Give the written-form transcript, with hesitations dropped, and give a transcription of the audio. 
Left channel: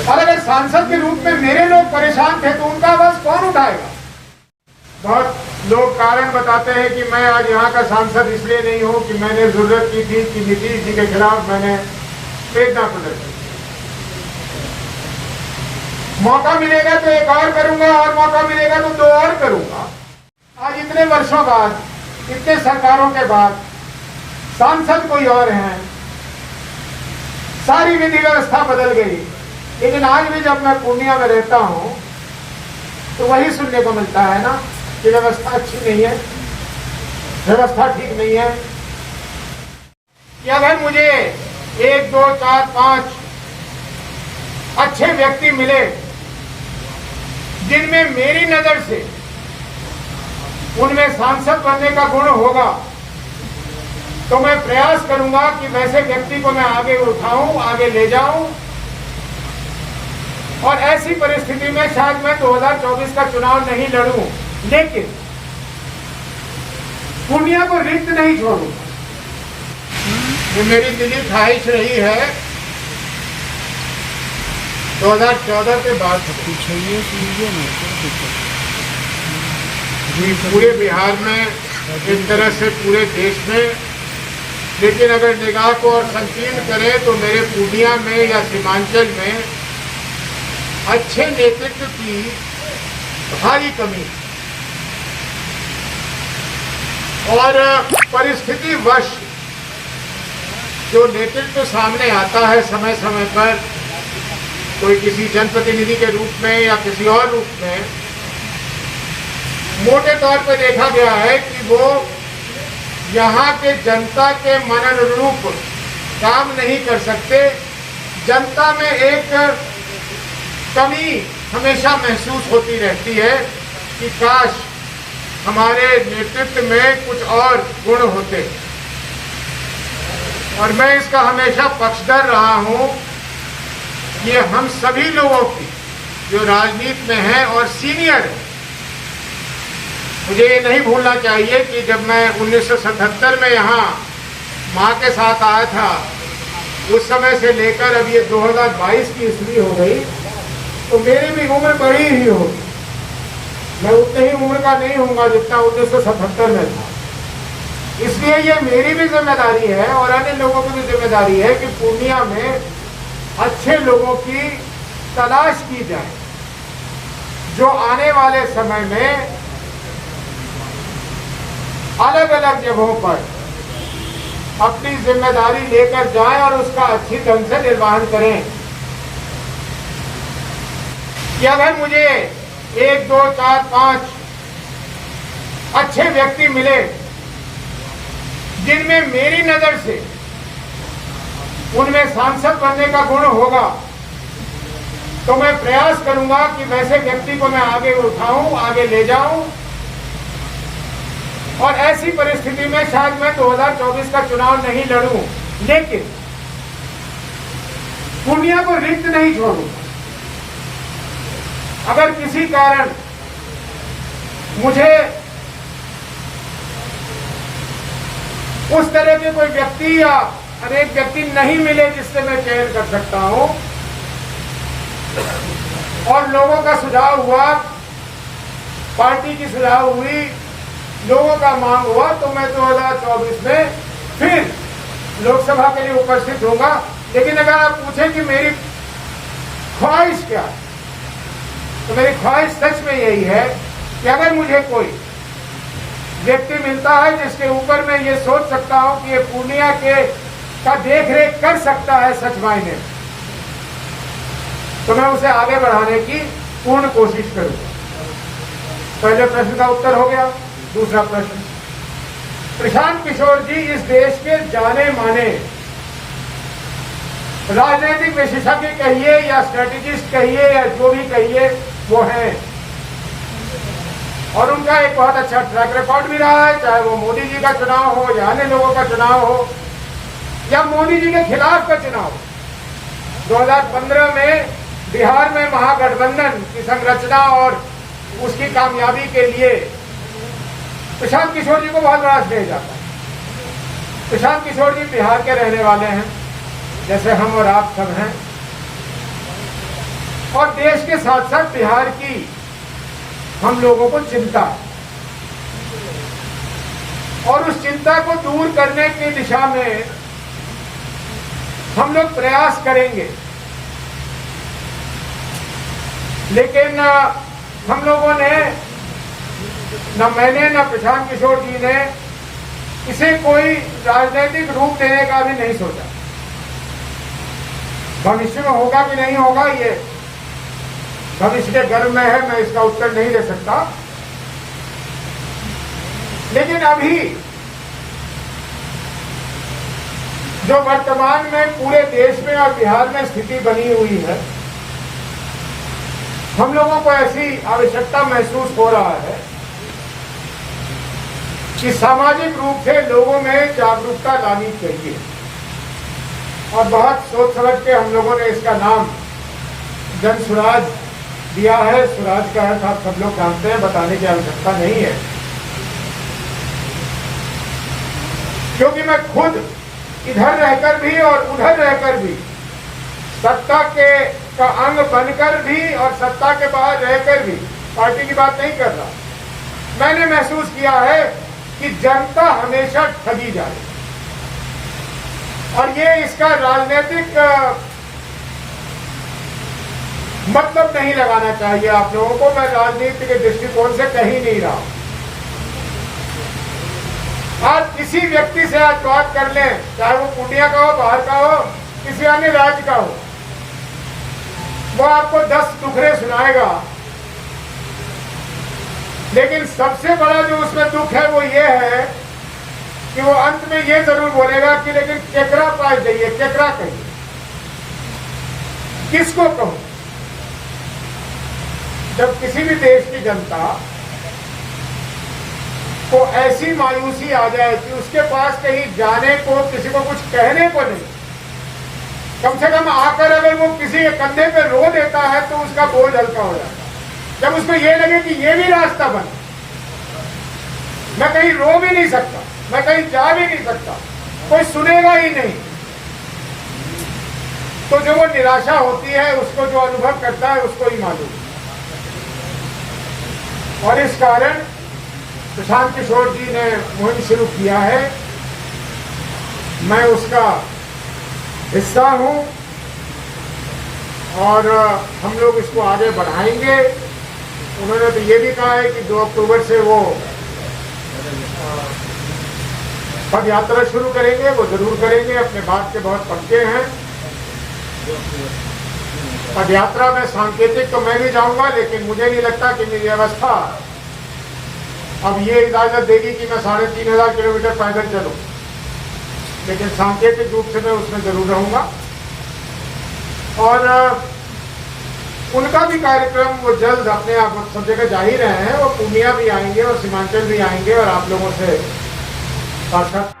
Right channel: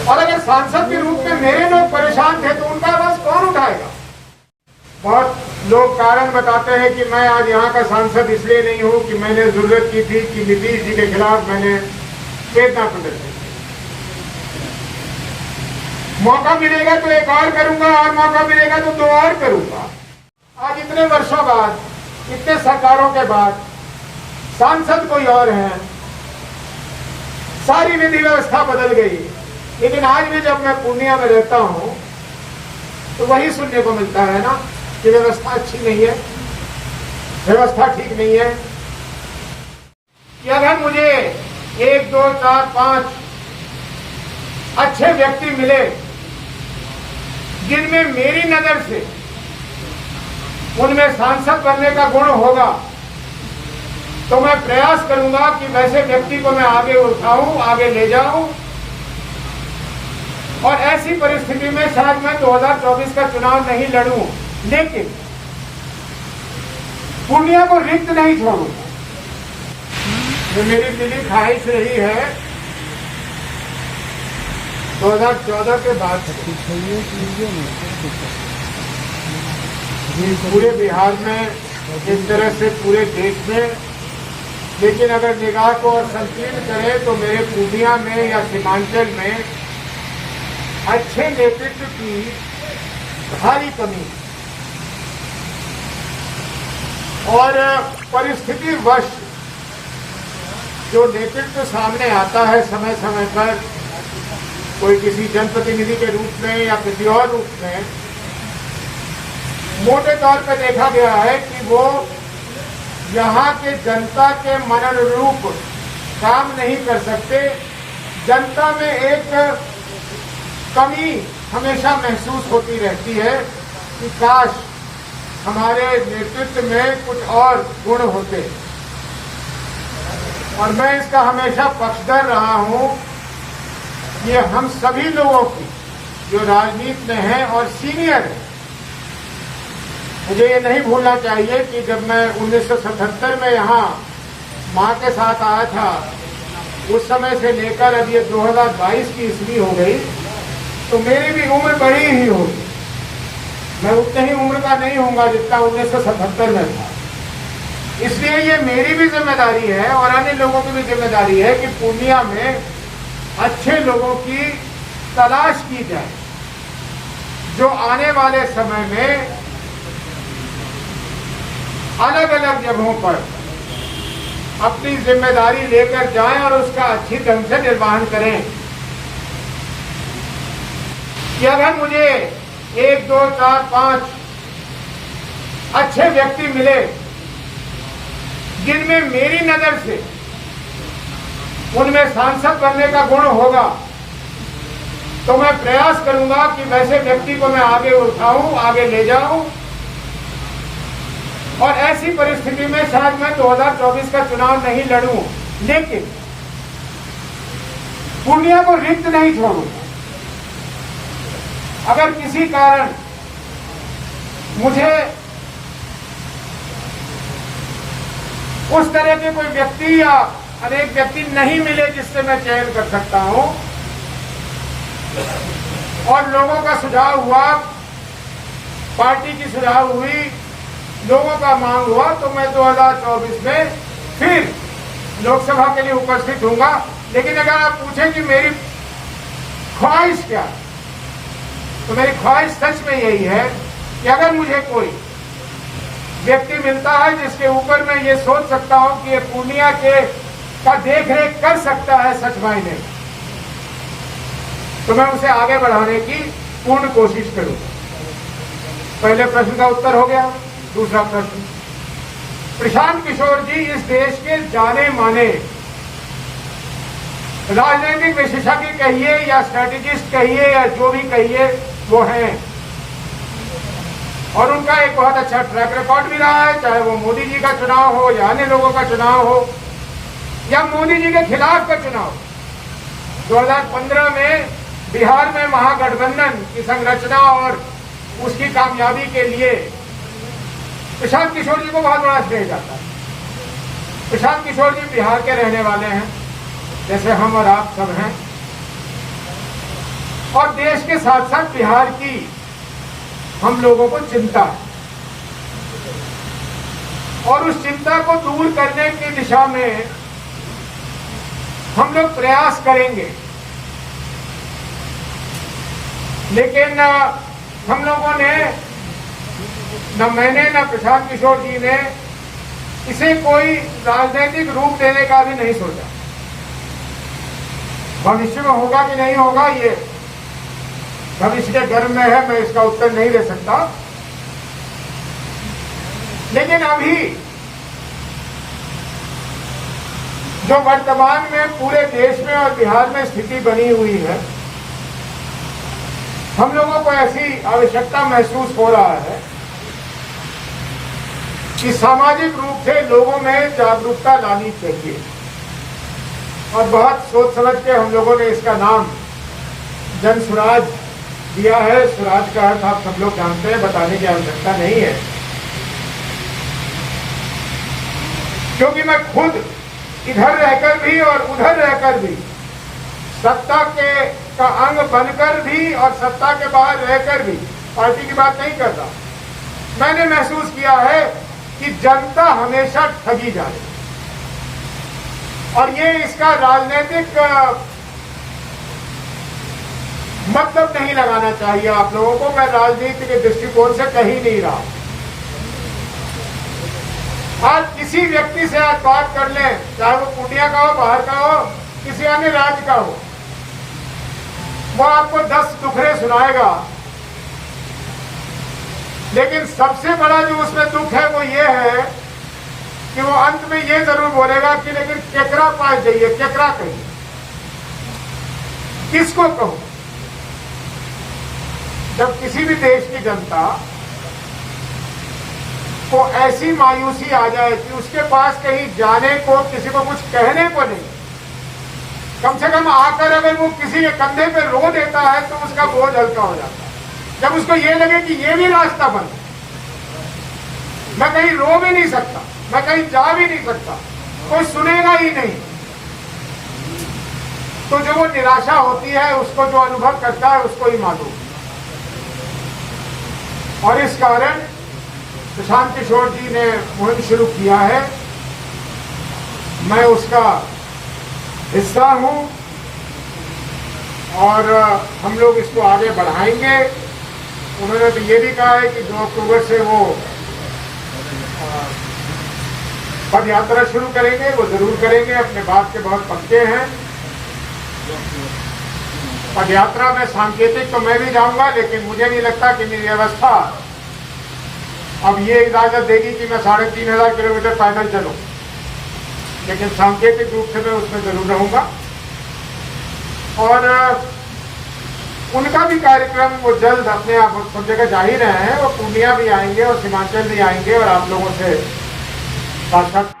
और अगर सांसद के रूप में मेरे लोग परेशान थे तो उनका आवाज कौन उठाएगा? बहुत लोग कारण बताते हैं कि मैं आज यहाँ का सांसद इसलिए नहीं हूँ कि मैंने जरूरत की थी कि नीतीश जी के खिलाफ मैंने वेदना प्रदर्शित। मौका मिलेगा तो एक और करूंगा, और मौका मिलेगा तो 2 और करूंगा। आज इतने वर्षों बाद, इतने सरकारों के बाद सांसद कोई और हैं, सारी विधि व्यवस्था बदल गई, लेकिन आज भी जब मैं पूर्णिया में रहता हूं तो वही सुनने को मिलता है ना कि व्यवस्था अच्छी नहीं है, व्यवस्था ठीक नहीं है। कि अगर मुझे 1, 2, 4, 5 अच्छे व्यक्ति मिले जिनमें मेरी नजर से उनमें सांसद बनने का गुण होगा, तो मैं प्रयास करूंगा कि वैसे व्यक्ति को मैं आगे उठाऊं, आगे ले जाऊं, और ऐसी परिस्थिति में शायद मैं 2024 का चुनाव नहीं लड़ूं, लेकिन पूर्णिया को रिक्त नहीं छोड़ूंगा। ये मेरी दिली ख्वाहिश रही है 2014 के बाद पूरे बिहार में, एक तरह से पूरे देश में, लेकिन अगर निगाह को और संकीर्ण करें तो मेरे पूर्णिया में या सीमांचल में अच्छे नेतृत्व की भारी कमी, और परिस्थिति वश जो नेतृत्व सामने आता है समय समय पर, कोई किसी जनप्रतिनिधि के रूप में या किसी और रूप में, मोटे तौर पर देखा गया है कि वो यहाँ के जनता के मन अनुरूप काम नहीं कर सकते। जनता में एक कमी हमेशा महसूस होती रहती है कि काश हमारे नेतृत्व में कुछ और गुण होते, और मैं इसका हमेशा पक्षधर रहा हूं। ये हम सभी लोगों की जो राजनीति में हैं और सीनियर हैं, मुझे ये नहीं भूलना चाहिए कि जब मैं 1977 में यहाँ माँ के साथ आया था, उस समय से लेकर अब ये 2022 की ईस्वी हो गई, तो मेरी भी उम्र बड़ी ही होगी। मैं उतने ही उम्र का नहीं होऊंगा जितना 1977 में था। इसलिए ये मेरी भी जिम्मेदारी है और अन्य लोगों की भी जिम्मेदारी है कि पूर्णिया में अच्छे लोगों की तलाश की जाए, जो आने वाले समय में अलग अलग जगहों पर अपनी जिम्मेदारी लेकर जाएं और उसका अच्छी ढंग से निर्वहन करें। कि अगर मुझे 1, 2, 4, 5 अच्छे व्यक्ति मिले जिनमें मेरी नजर से उनमें सांसद बनने का गुण होगा, तो मैं प्रयास करूंगा कि वैसे व्यक्ति को मैं आगे उठाऊं, आगे ले जाऊं, और ऐसी परिस्थिति में शायद मैं 2024 का चुनाव नहीं लड़ूं, लेकिन पूर्णिया को रिक्त नहीं छोड़ूंगा। अगर किसी कारण मुझे उस तरह के कोई व्यक्ति या अनेक व्यक्ति नहीं मिले जिससे मैं चयन कर सकता हूं, और लोगों का सुझाव हुआ, पार्टी की सुझाव हुई, लोगों का मांग हुआ, तो मैं 2024 में फिर लोकसभा के लिए उपस्थित होऊंगा। लेकिन अगर आप पूछें कि मेरी ख्वाहिश क्या, तो मेरी ख्वाहिश सच में यही है कि अगर मुझे कोई व्यक्ति मिलता है जिसके ऊपर मैं ये सोच सकता हूं कि ये पूर्णिया का देखरेख कर सकता है सच मायने में, तो मैं उसे आगे बढ़ाने की पूर्ण कोशिश करूंगा। पहले प्रश्न का उत्तर हो गया। दूसरा प्रश्न, प्रशांत किशोर जी इस देश के जाने माने राजनीतिक विशेषज्ञ कहिए या स्ट्रेटेजिस्ट कहिए या जो भी कहिए वो हैं, और उनका एक बहुत अच्छा ट्रैक रिकॉर्ड भी रहा है, चाहे वो मोदी जी का चुनाव हो या अन्य लोगों का चुनाव हो या मोदी जी के खिलाफ का चुनाव। 2015 में बिहार में महागठबंधन की संरचना और उसकी कामयाबी के लिए प्रशांत किशोर जी को बहुत बड़ा श्रेय जाता है। प्रशांत किशोर जी बिहार के रहने वाले हैं, जैसे हम और आप सब हैं, और देश के साथ साथ बिहार की हम लोगों को चिंता है और उस चिंता को दूर करने की दिशा में हम लोग प्रयास करेंगे। लेकिन हम लोगों ने, न मैंने न प्रशांत किशोर जी ने इसे कोई राजनीतिक रूप देने का भी नहीं सोचा। भविष्य में होगा कि नहीं होगा ये भविष्य के गर्भ में है, मैं इसका उत्तर नहीं दे सकता। लेकिन अभी जो वर्तमान में पूरे देश में और बिहार में स्थिति बनी हुई है, हम लोगों को ऐसी आवश्यकता महसूस हो रहा है कि सामाजिक रूप से लोगों में जागरूकता लानी चाहिए और बहुत सोच समझ के हम लोगों ने इसका नाम जन स्वराज दिया है। स्वराज का अर्थ आप सब लोग जानते हैं, बताने की आवश्यकता नहीं है, क्योंकि मैं खुद इधर रहकर भी और उधर रहकर भी, सत्ता का अंग बनकर भी और सत्ता के बाहर रहकर भी, पार्टी की बात नहीं कर रहा, मैंने महसूस किया है कि जनता हमेशा ठगी जा रही और ये इसका राजनीतिक मतलब नहीं लगाना चाहिए आप लोगों को। मैं राजनीति के दृष्टिकोण से कहीं नहीं रहा। आज किसी व्यक्ति से आज बात कर लें, चाहे वो पूर्णिया का हो, बाहर का हो, किसी अन्य राज्य का हो, वो आपको 10 दुखड़े सुनाएगा, लेकिन सबसे बड़ा जो उसमें दुख है वो ये है कि वो अंत में ये जरूर बोलेगा कि लेकिन केकरा पास जाइए, केकरा कहिए, किसको कहूं। जब किसी भी देश की जनता को ऐसी मायूसी आ जाए कि उसके पास कहीं जाने को, किसी को कुछ कहने को नहीं, कम से कम आकर अगर वो किसी के कंधे पे रो देता है तो उसका बोझ हल्का हो जाता है। जब उसको ये लगे कि ये भी रास्ता बंद, मैं कहीं रो भी नहीं सकता, मैं कहीं जा भी नहीं सकता, कोई सुनेगा ही नहीं, तो जो वो निराशा होती है, उसको जो अनुभव करता है उसको ही मालूम। और इस कारण प्रशांत किशोर जी ने मुहिम शुरू किया है, मैं उसका हिस्सा हूं और हम लोग इसको आगे बढ़ाएंगे। उन्होंने तो ये भी कहा है कि 2 अक्टूबर से वो पद यात्रा शुरू करेंगे, वो जरूर करेंगे, अपने बात के बहुत पक्के हैं। पद यात्रा में सांकेतिक तो मैं भी जाऊंगा, लेकिन मुझे नहीं लगता कि मेरी अवस्था अब ये इजाजत देगी कि मैं 3500 किलोमीटर पैदल चलूं, लेकिन सांकेतिक रूप से मैं उसमें जरूर रहूंगा। और उनका भी कार्यक्रम वो जल्द अपने आप सब जगह जा ही रहे हैं, वो पूर्णिया भी आएंगे और सीमांचल भी आएंगे और आप लोगों से साक्षात